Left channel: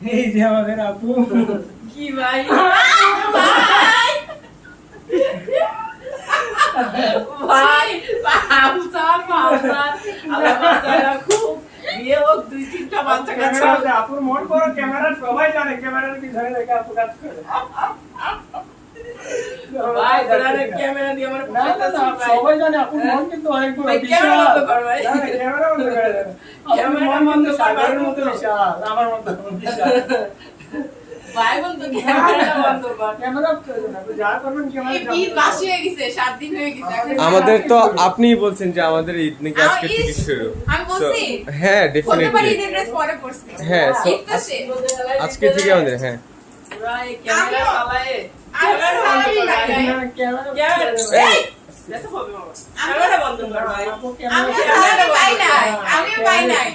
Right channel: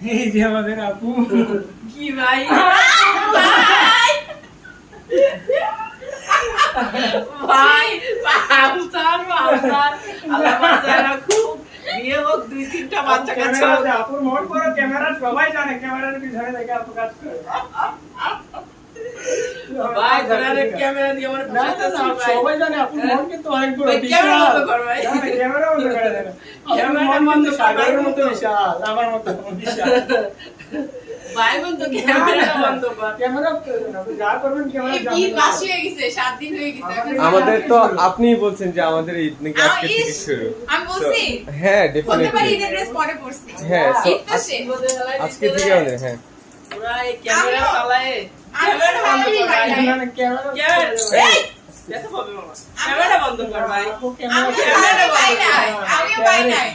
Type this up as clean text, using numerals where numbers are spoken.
এই যে আমাদের আপু। কি ভাই ভাই আফসার আল্লাহ বাঁচায় রাখুক। বিয়ে হোক 2-3টা বাচ্চা কাচ্চা হোক। আপুর মন করো, ক্যামেরা সবাই জানে, ক্যামেরার পিছনে দেখে আপু কাজ করে। ভাই তোরা ক্যামেরা দিয়ে আমার না, না, না, সবাই জানে আপুর মন কিন্তু অনেক বড়, ভাই, বিশাল। ক্যামেরা বন্ধ কর ভাই। না, না, ক্যামেরা বন্ধ করে দেন। আপুর ক্যামেরা মন বন্ধ কিন্তু কর, সাগরের ভাই, মতো বন্ধ। বিশাল, আমার মতো বিশাল। ভাই বন্ধ ক্যামেরা বন্ধ কর। ক্যামেরা অফ করে দেন, আপনি যা করবেন ক্যামেরা এই জানতে ঈদ মাস হয়ে গেছে, 7 দিন হয়ে গেছে এখন। আমাদের তো আপনিই বলছেন যে আমাদের ঈদ নাকি আজকে আমার থেকে ঈদ, শুরু। আমি বলছি। So, হ্যাঁ হতে পারে ডেফিনেটলি ঈদের ড্রেস পরে পরছি। হ্যাঁ, so ঈদ তো শেষ। আজকে থেকে আমাদের হ্যাঁ পুরা এই ক্যামেরা আমিও- চালায়ে আমি ক্যামেরা বন্ধ কর ভাই। ক্যামেরা ক্যামেরা এই, দেখো হবে মামা। ক্যামেরা বন্ধ কর ভাই। আপু ক্যামেরা আমি সালামি পাই নাই, আমিও পাই নাই।